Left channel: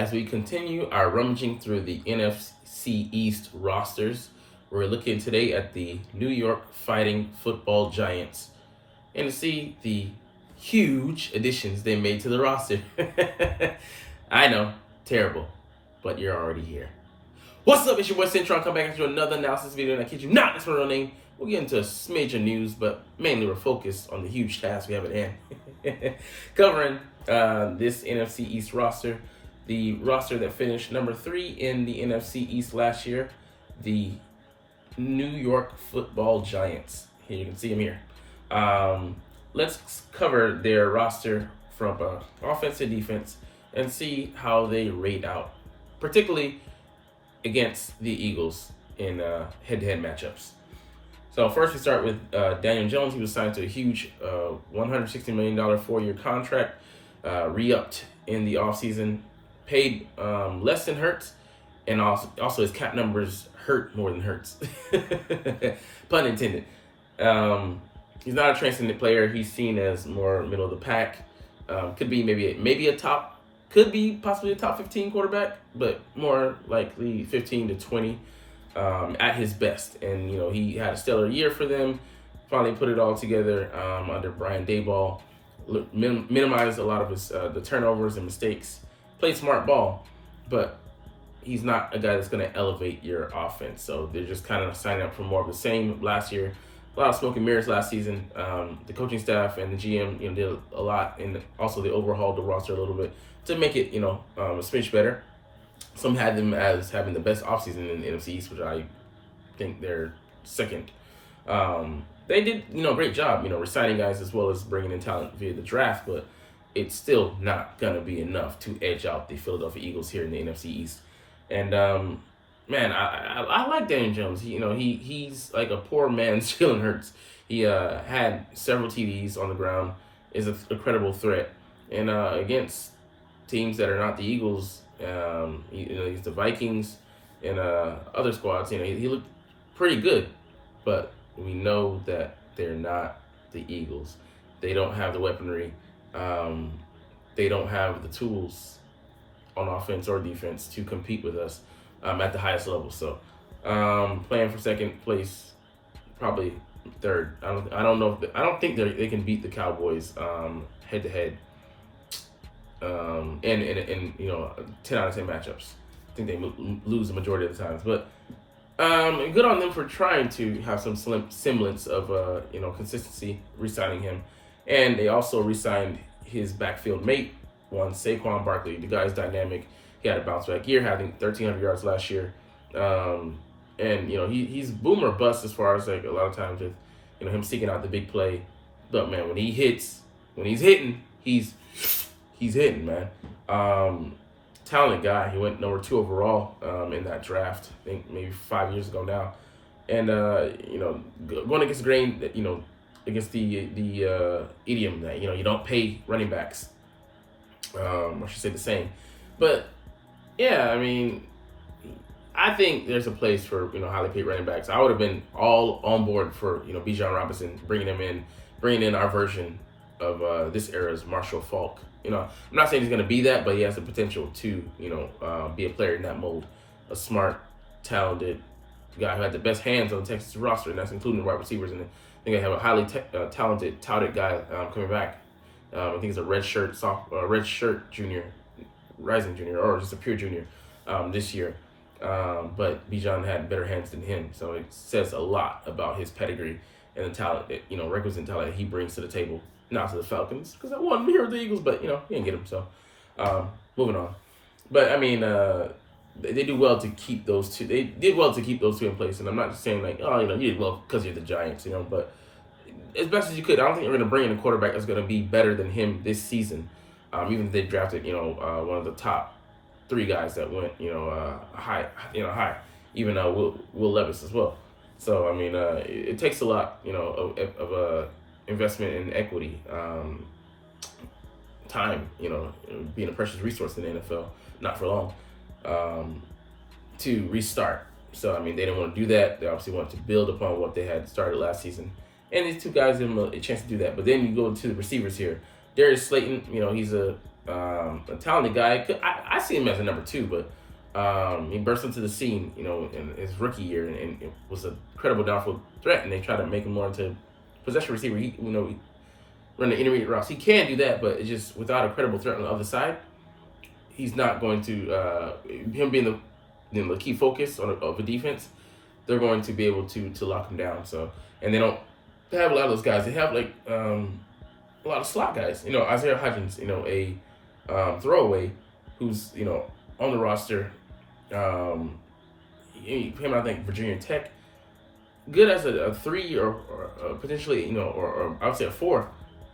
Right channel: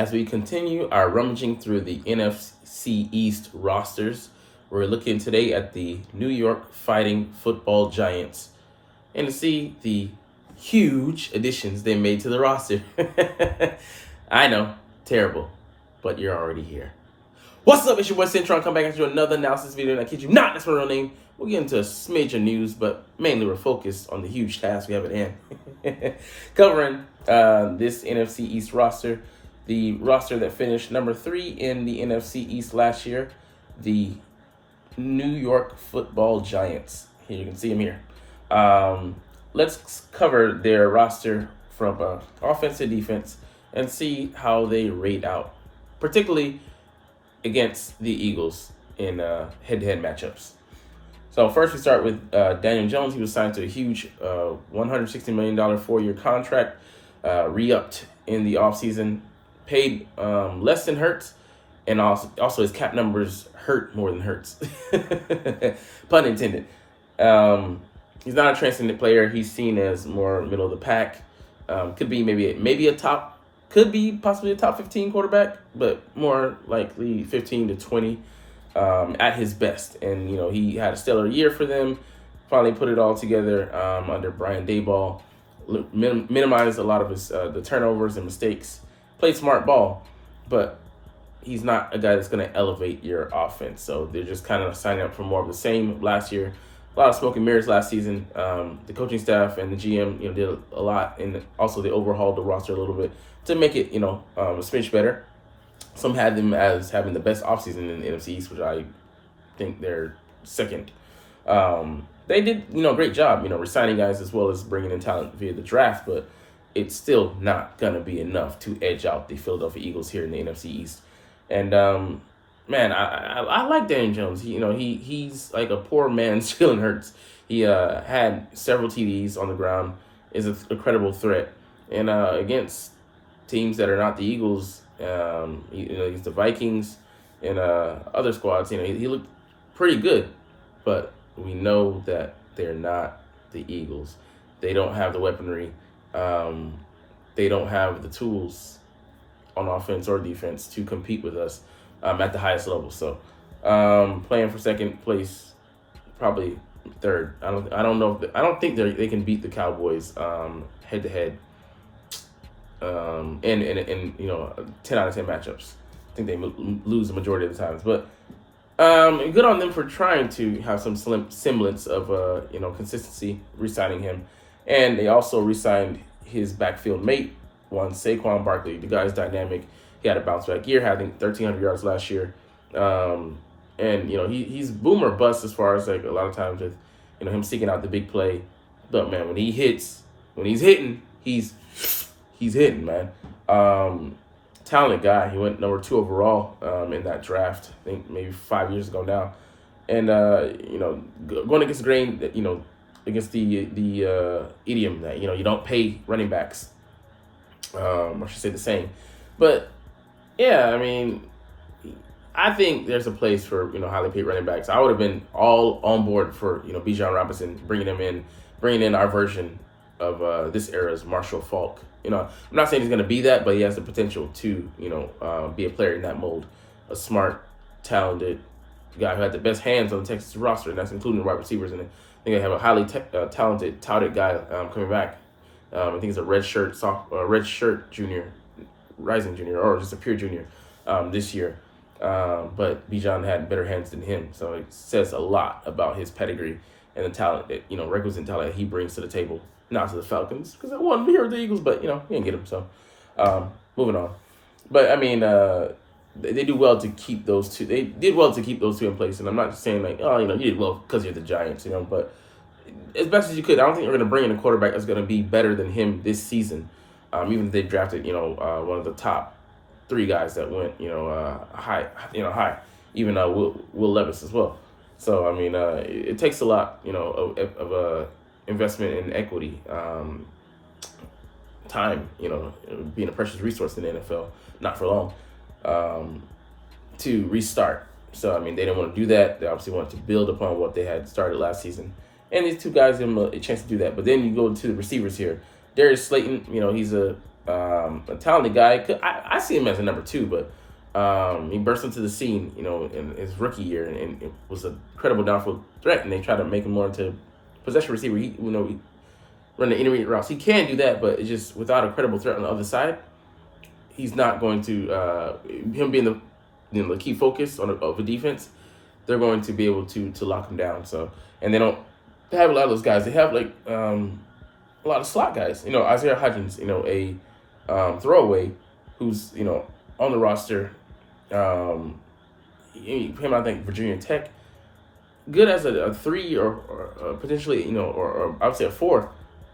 As we continue our rummaging through the NFC East rosters, we're looking today at the New York Fighting Football Giants and to see the huge additions they made to the roster. I know, terrible, but you're already here. What's up, it's your boy Cintron, come back and do another analysis video, and I kid you not, that's my real name. We'll get into major news, but mainly we're focused on the huge task we have at hand. Covering this NFC East roster, the roster that finished number 3 in the NFC East last year, the New York Football Giants. Here you can see them here. Let's cover their roster from offense to defense and see how they rate out, particularly against the Eagles in head-to-head matchups. So first we start with Daniel Jones. He was signed to a huge $160 million 4-year contract, re-upped in the offseason, paid less than Hurts, and also his cap numbers hurt more than Hurts. Pun intended. He's not a transcendent player. He's seen as more middle of the pack. Could be maybe a top, could be possibly a top 15 quarterback, but more likely 15 to 20 at his best. And, he had a stellar year for them. Finally put it all together under Brian Daboll. Minimized a lot of his the turnovers and mistakes. Played smart ball, but he's not a guy that's going to elevate your offense. So they're just kind of signing up for more of the same. Last year, a lot of smoke and mirrors last season. The coaching staff and the GM, did a lot, and also they overhauled the roster a little bit to make it, a smidge better. Some had them as having the best offseason in the NFC East, which I think they're second. They did, a great job, re-signing guys as well as bringing in talent via the draft, but it's still not going to be enough to edge out the Philadelphia Eagles here in the NFC East. And, man, I like Daniel Jones. He's like a poor man's Jalen Hurts. He had several TDs on the ground, is a credible threat. And against teams that are not the Eagles, against the Vikings and other squads, he looked pretty good. But we know that they're not the Eagles. They don't have the weaponry. They don't have the tools on offense or defense to compete with us at the highest level. So playing for second place, probably third. I don't think they can beat the Cowboys head to head. In 10 out of 10 matchups. I think they lose the majority of the times, but good on them for trying to have some semblance of consistency, re-signing him. And they also re-signed his backfield mate, Saquon Barkley. The guy's dynamic. He had a bounce back year, having 1,300 yards last year. And he's boom or bust as far as like a lot of times with him seeking out the big play. But man, when he's hitting, he's hitting, man. Talented guy. He went number 2 overall in that draft, I think maybe 5 years ago now. And going against the grain, against the idiom that you don't pay running backs. I should say the same. But yeah, I mean, I think there's a place for highly paid running backs. I would have been all on board for Bijan Robinson, bringing in our version of this era's Marshall Faulk. I'm not saying he's going to be that, but he has the potential to, be a player in that mold. A smart, talented guy who had the best hands on the Texas roster, and that's including the wide receivers. And I think they have a highly talented, touted guy coming back. I think he's a red shirt junior, rising junior, or just a pure junior this year. But Bijan had better hands than him, so it says a lot about his pedigree and the talent that requisite talent he brings to the table. Not to the Falcons, because I wanted to hear the Eagles, but, we didn't get them, so moving on. But, I mean, they do well to keep those two. They did well to keep those two in place, and I'm not saying, like, you did well because you're the Giants, but as best as you could. I don't think we're going to bring in a quarterback that's going to be better than him this season, even if they drafted, one of the top 3 guys that went, high, even Will Levis as well. So, I mean, it takes a lot, of a investment in equity, time, being a precious resource in the NFL, not for long, to restart. So, I mean, they didn't want to do that. They obviously wanted to build upon what they had started last season. And these two guys give them a chance to do that. But then you go to the receivers here. Darius Slayton, he's a A talented guy. I see him as a number 2, but he burst into the scene, in his rookie year, and it was a credible downfield threat. And they tried to make him more into possession receiver. He run the intermediate routes. He can do that, but it's just without a credible threat on the other side, he's not going to. Him being the key focus of the defense, they're going to be able to lock him down. So, and they don't have a lot of those guys. They have like a lot of slot guys. Isaiah Hodgins, a throwaway who's on the roster. Him, I think Virginia Tech, good as a 3 or potentially or I would say a 4,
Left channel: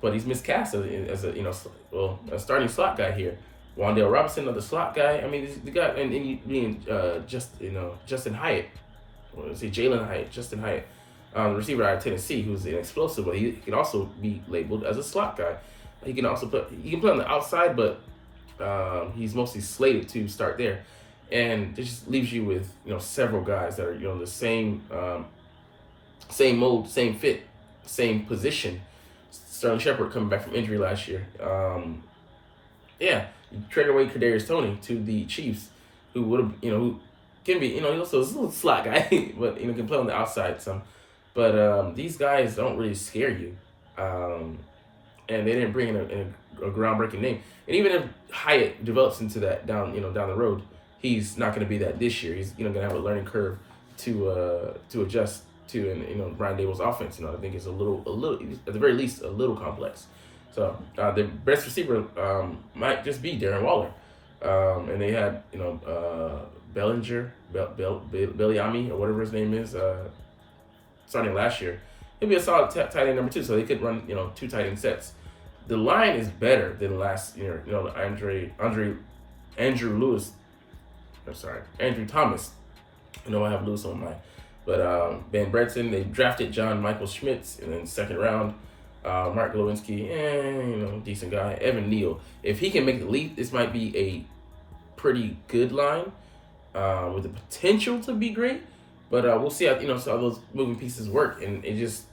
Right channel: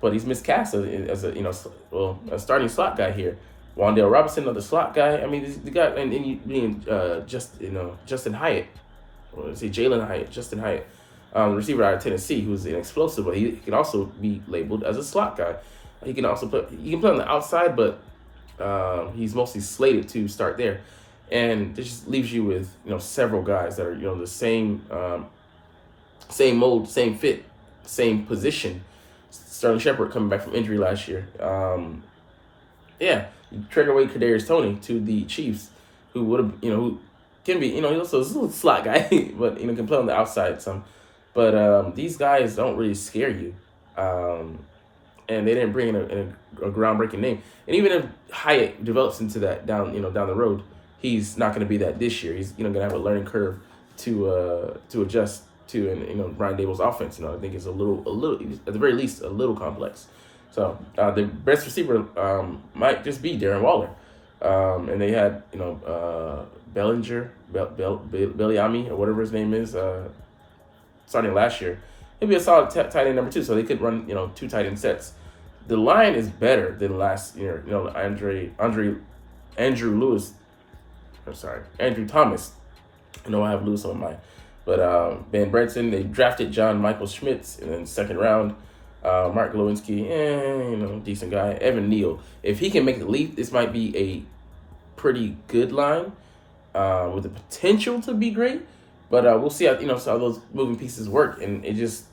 but he's miscast as a starting slot guy here. Wan'Dale Robinson, another slot guy. I mean, the guy and you being Justin Hyatt, or let's say Jalen Hyatt, Justin Hyatt, the receiver out of Tennessee, who's an explosive, but he can also be labeled as a slot guy. He can play on the outside, but he's mostly slated to start there, and it just leaves you with several guys that are the same mold, same fit, same position. Sterling Shepard coming back from injury last year. Trade away Kadarius Toney to the Chiefs, who would have who can be he's also a slot guy, but can play on the outside some. But these guys don't really scare you. And they didn't bring in a groundbreaking name. And even if Hyatt develops into that down the road, he's not going to be that this year. He's going to have a learning curve to adjust to, and Brian Dable's offense. I think it's a little at the very least a little complex. So the best receiver might just be Darren Waller, and they had Bellinger, Belliami or whatever his name is, starting last year. He'll be a solid tight end number 2, so they could run 2 tight end sets. The line is better than last year. Andrew Thomas. I have Lewis on mine, but Ben Brenton. They drafted John Michael Schmitz in the 2nd round. Mark Lewinsky, decent guy. Evan Neal, if he can make the leap, this might be a pretty good line with the potential to be great. But we'll see how how those moving pieces work, and it just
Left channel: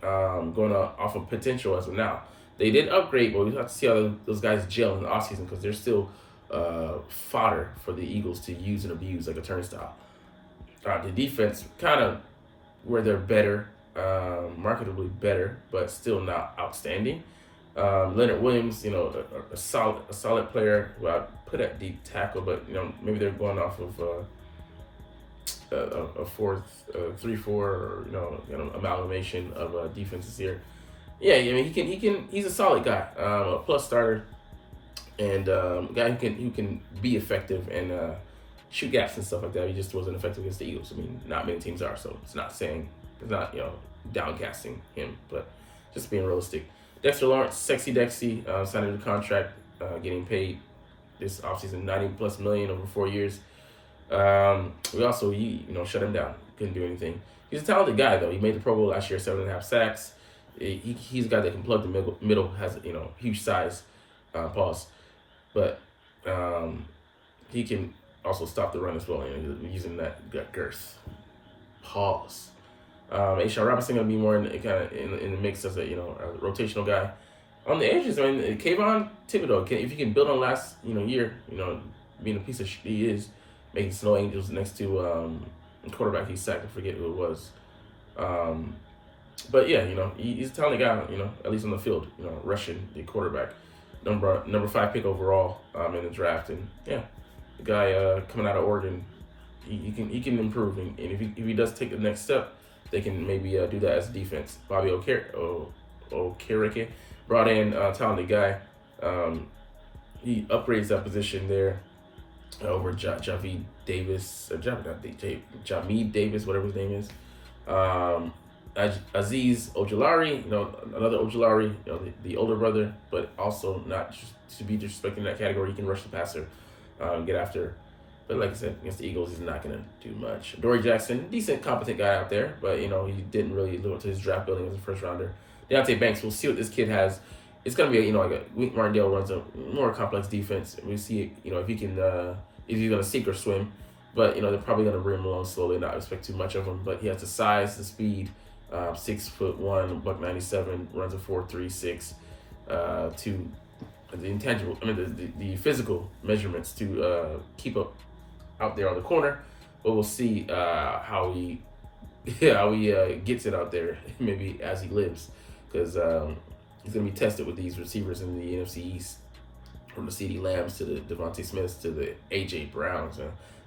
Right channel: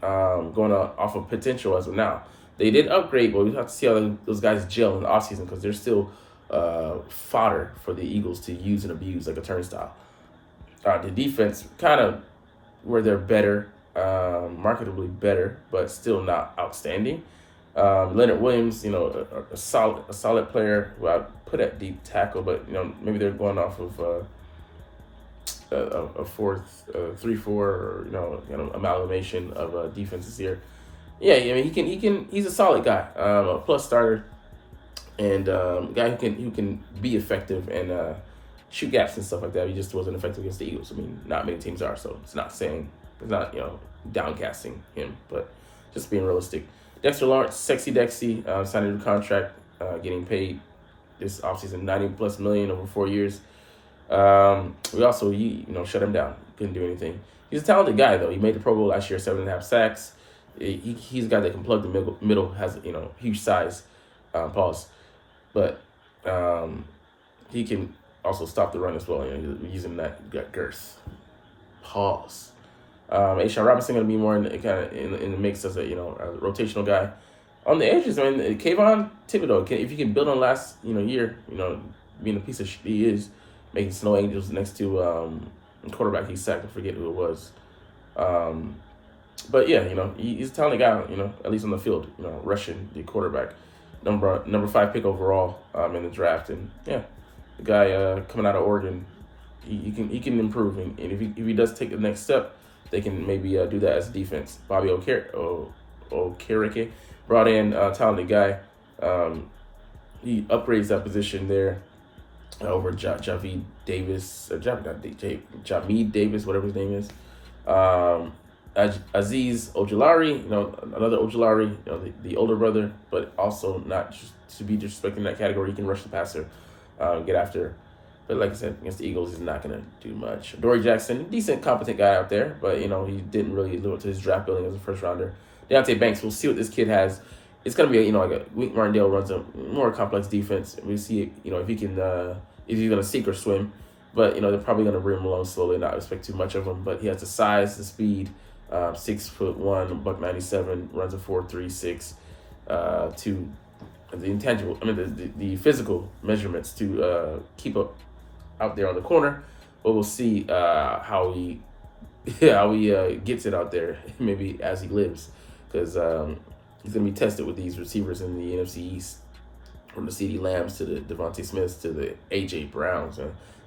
going off of potential as of now. They did upgrade, but we have to see how those guys gel in the offseason because they're still fodder for the Eagles to use and abuse like a turnstile. The defense kind of where they're better. Marketably better, but still not outstanding. Leonard Williams, a solid player who I put at deep tackle, but maybe they're going off of a 3-4 or amalgamation of defenses here. Yeah, he's a solid guy, a plus starter, and guy who can be effective and shoot gaps and stuff like that. He just wasn't effective against the Eagles. I mean, not many teams are, so it's not downcasting him, but just being realistic. Dexter Lawrence, Sexy Dexy, signed a new contract, getting paid this offseason $90+ million over 4 years. We also shut him down. Couldn't do anything. He's a talented guy though. He made the Pro Bowl last year, 7.5 sacks. He's a guy that can plug the middle, has huge size, pause, but he can also stop the run as well. Using that girth, pause. A'Shawn Robinson gonna be more in the mix as a rotational guy on the edges. I mean, Kayvon Thibodeau, if he can build on last year, being a piece of shit he is, making snow angels next to quarterback he sacked. I forget who it was. But yeah, he's a talented guy. At least on the field, rushing the quarterback, number 5 pick overall in the draft, and yeah, the guy coming out of Oregon, he can improve, and if he does take the next step, they can maybe do that as defense. Bobby Okereke brought in a talented guy. He upgrades that position there over Jameed Davis, whatever his name is. Azeez Ojulari, another Ojulari, the older brother, but also not just to be disrespecting that category. He can rush the passer, get after. But like I said, against the Eagles, he's not going to do much. Dory Jackson, decent, competent guy out there, but, he didn't really live up to his draft building as a first-rounder. Deontay Banks, we'll see what this kid has. It's going to be, like a Wink Martindale runs a more complex defense. We see, if he can, if he's going to sink or swim. But, they're probably going to bring him along slowly, not expect too much of him. But he has the size, the speed, 6'1", $197, runs a 4.36, the intangible, the physical measurements to keep up out there on the corner. But we'll see how he gets it out there, maybe as he lives, because he's going to be tested with these receivers in the NFC East, from the CeeDee Lambs to the Devontae Smiths to the AJ Browns.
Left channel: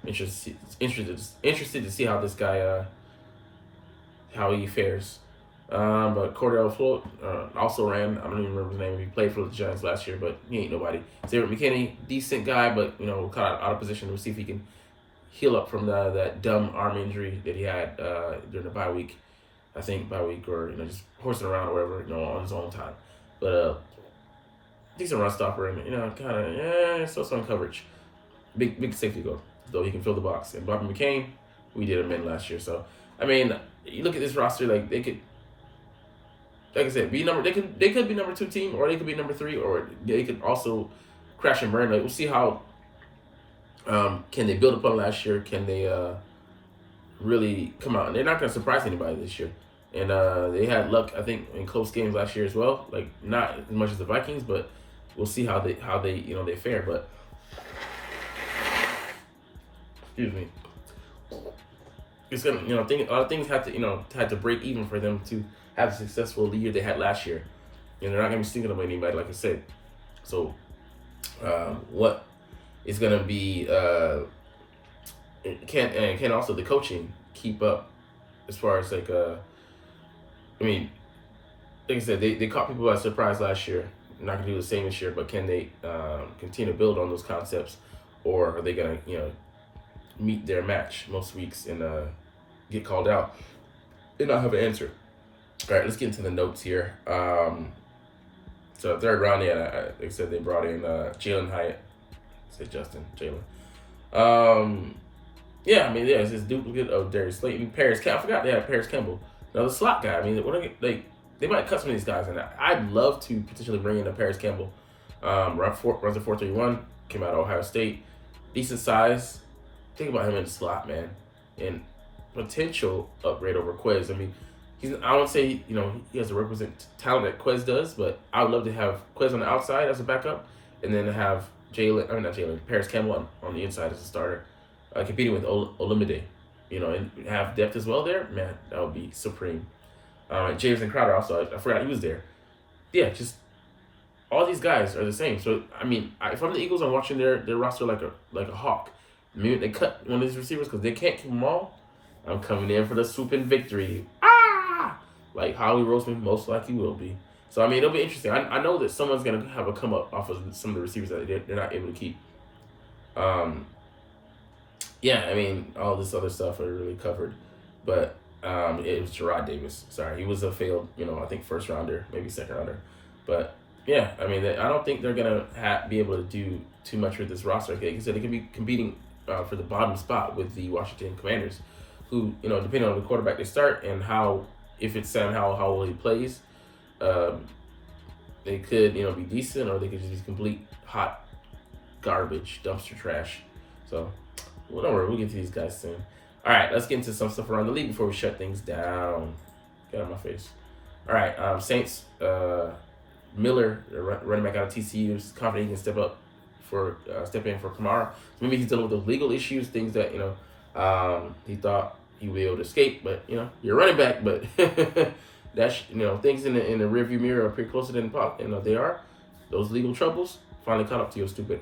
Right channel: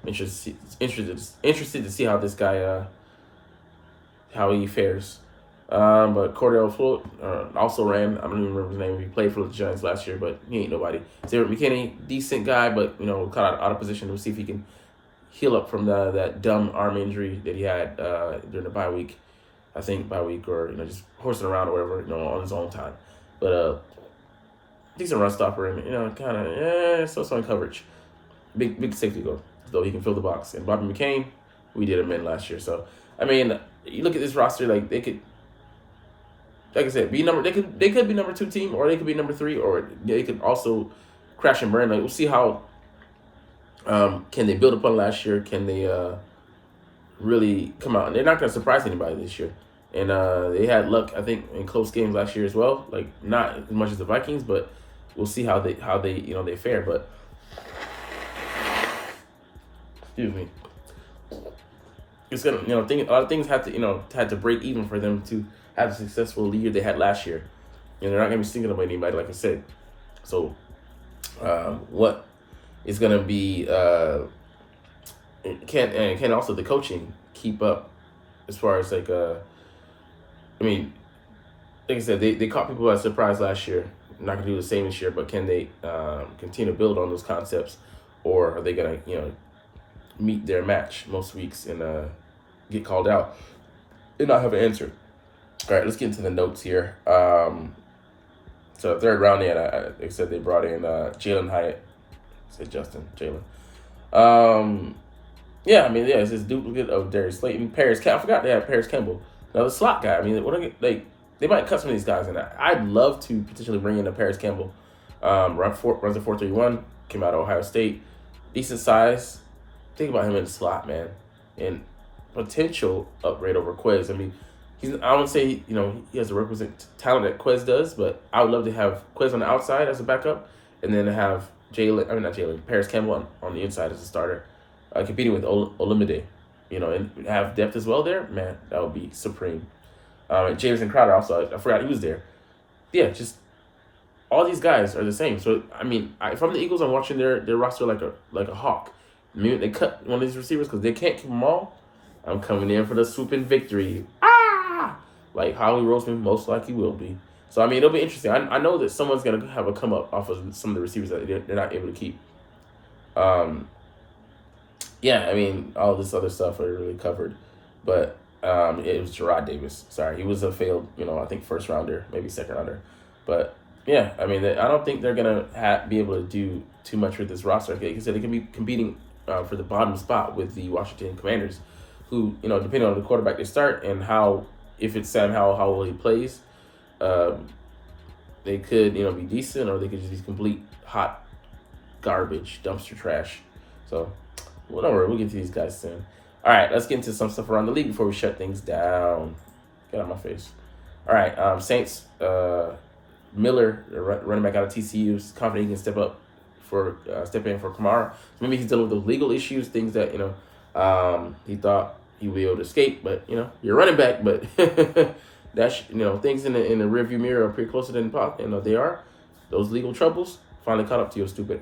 Interested to see how this guy how he fares. But Cordell Floyd also ran. I don't even remember his name. He played for the Giants last year, but he ain't nobody. Xavier McKinney, decent guy, but kind of out of position. We'll see if he can heal up from that dumb arm injury that he had during the bye week. I think bye week, or just horsing around or whatever, on his own time. But decent run stopper, and kind of so in coverage. Big safety goal, though he can fill the box. And Bobby McCain, we did him in last year. So you look at this roster, like they could. Like I said, they could be number 2 team, or they could be number 3, or they could also crash and burn. Like, we'll see how can they build upon last year? Can they really come out? And they're not going to surprise anybody this year. And they had luck, I think, in close games last year as well. Like, not as much as the Vikings, but we'll see how they they fare. But excuse me, it's gonna a lot of things have to break even for them to have a successful year they had last year. They're not going to be singling about anybody, like I said. So, what is going to be can also the coaching keep up as far as like I said, they caught people by surprise last year. Not going to do the same this year, but can they continue to build on those concepts, or are they going to meet their match most weeks and get called out and not have an answer? All right, let's get into the notes here. So third round, they said they brought in Jalen Hyatt. I said Justin, Jalen. It's this duplicate of Darius Slayton. I forgot they had Paris Campbell. Now the slot guy. They might cut some of these guys, and I'd love to potentially bring in a Paris Campbell. Runs a 4.31, came out of Ohio State, decent size. Think about him in the slot, man, and potential upgrade over Quez. I won't say, he has the requisite talent that Quez does, but I would love to have Quez on the outside as a backup, and then have Paris Campbell on the inside as a starter, competing with Olamide, and have depth as well there. Man, that would be supreme. And Jameson Crowder also, I forgot he was there. Yeah, just all these guys are the same. So, if I'm the Eagles, I'm watching their roster like a hawk. Maybe they cut one of these receivers because they can't keep them all. I'm coming in for the swooping victory. Like Howie Roseman most likely will be. So, it'll be interesting. I know that someone's going to have a come up off of some of the receivers that they're not able to keep. All this other stuff are really covered. But it was Gerard Davis. Sorry, he was a failed, I think first rounder, maybe second rounder. But, I don't think they're going to be able to do too much with this roster. Like I said, they could be competing for the bottom spot with the Washington Commanders, who, depending on the quarterback they start and if it's somehow how well he plays, they could, be decent, or they could just be complete hot garbage, dumpster trash. So, whatever, we'll get to these guys soon. All right, let's get into some stuff around the league before we shut things down. Get out of my face. All right, Saints, Miller, running back out of TCU, is confident he can step in for Kamara. Maybe he's dealing with those legal issues, things that, he thought he would be able to escape, but you're running back, but that's things in the rearview mirror are pretty closer than they are. Those legal troubles finally caught up to you, stupid.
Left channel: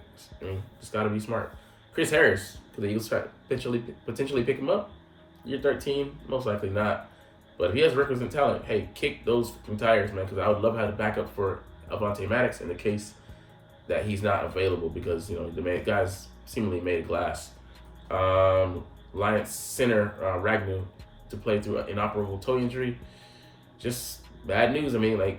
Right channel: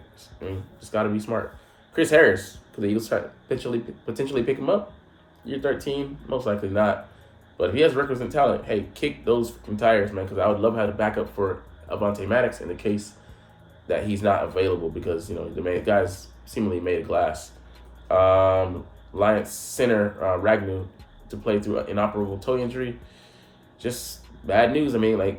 Just got to be smart. Chris Harris, could the Eagles try to potentially pick him up? Year 13, most likely not. But if he has requisite talent, hey, kick those tires, man, because I would love to have a backup for Avonte Maddox in the case that he's not available, because the guy's seemingly made of glass. Lions center Ragnu to play through an inoperable toe injury. Just bad news.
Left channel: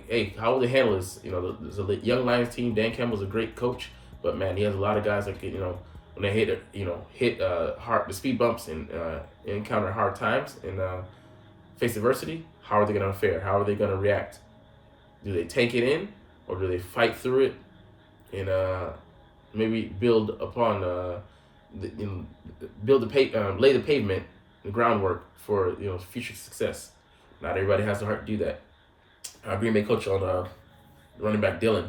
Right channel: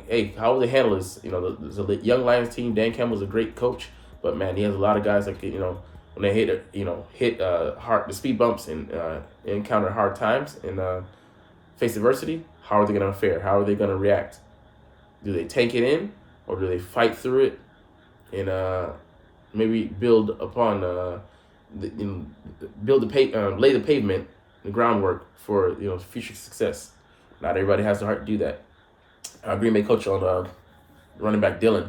Hey, how will they handle this? There's a young Lions team. Dan Campbell's a great coach, but man, he has a lot of guys like when they hit hard the speed bumps and encounter hard times and face adversity. How are they going to fare? How are they going to react? Do they take it in, or do they fight through it and maybe build upon lay the pavement, the groundwork for future success? Not everybody has the heart to do that. Green Bay coach on running back Dylan,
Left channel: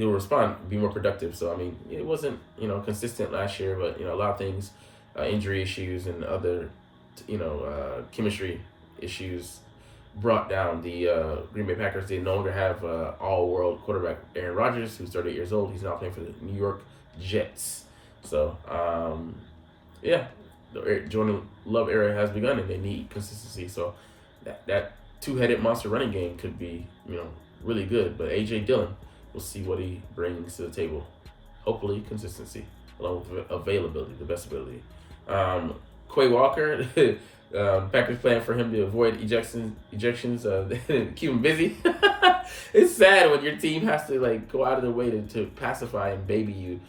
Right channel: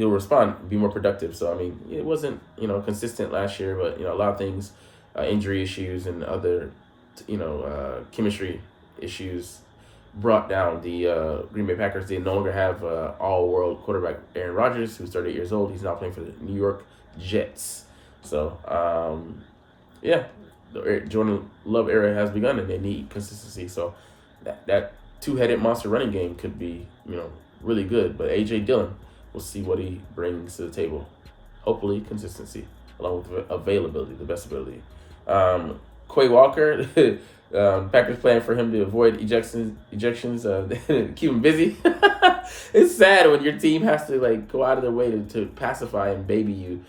he'll respond, be more productive. So I mean, it wasn't consistent last year, but a lot of things, injury issues and other chemistry issues brought down the Green Bay Packers. They no longer have all-world quarterback Aaron Rodgers, who's 38 years old. He's now playing for the New York Jets. So yeah, the Jordan Love era has begun, and they need consistency. So that two-headed monster running game could be really good. But A.J. Dillon, we'll see what he brings to the table. Hopefully consistency along with availability, the best ability. Quay Walker, Packers plan for him to avoid ejections, keep him busy. It's sad when your team has to go out of their way to pacify and babysit you.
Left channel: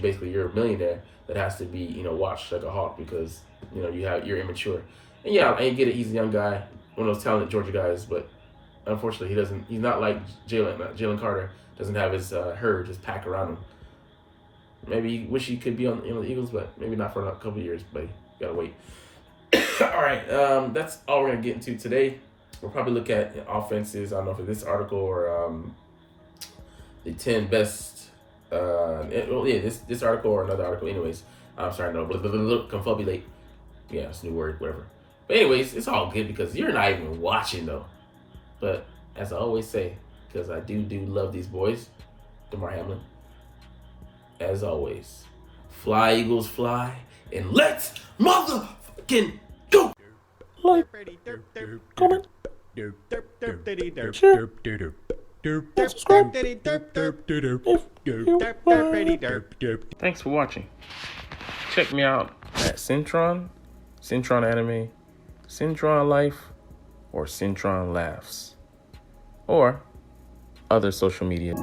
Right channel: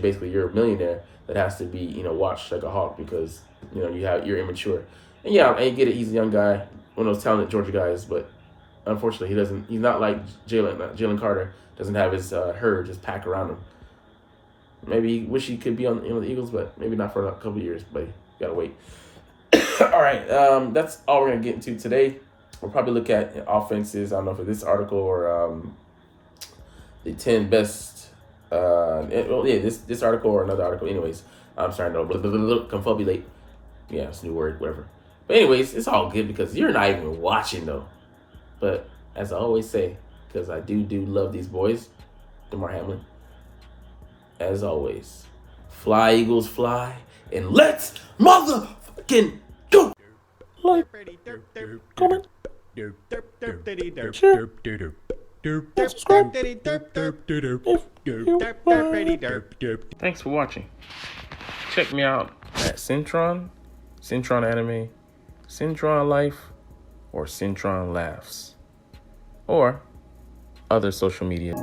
Basically, you're a millionaire that has to be watched like a hawk because you're immature. And yeah, I get it. He's a young guy, one of those talented Georgia guys, but unfortunately, he's not like Jalen Carter. Doesn't have his herd just pack around him. Maybe wish he could be on the Eagles, but maybe not for a couple of years. But you gotta wait. All right, that's all we're gonna get into today. We'll probably look at offenses. I don't know if it's this article or the 10 best. This article or another article. Anyways, I'm sorry, no, confabulate. Yeah, it's a new word, whatever. But anyways, it's all good because you're not even watching though. But as I always say, because I do love these boys, DeMar Hamlin. As always, fly Eagles fly, and let's motherfucking go! Like, comment, share, and subscribe if you like. Thanks for watching. Check me out at Cintron, Cintron Anime, Cintron Life, or Cintron Laughs, or other social media.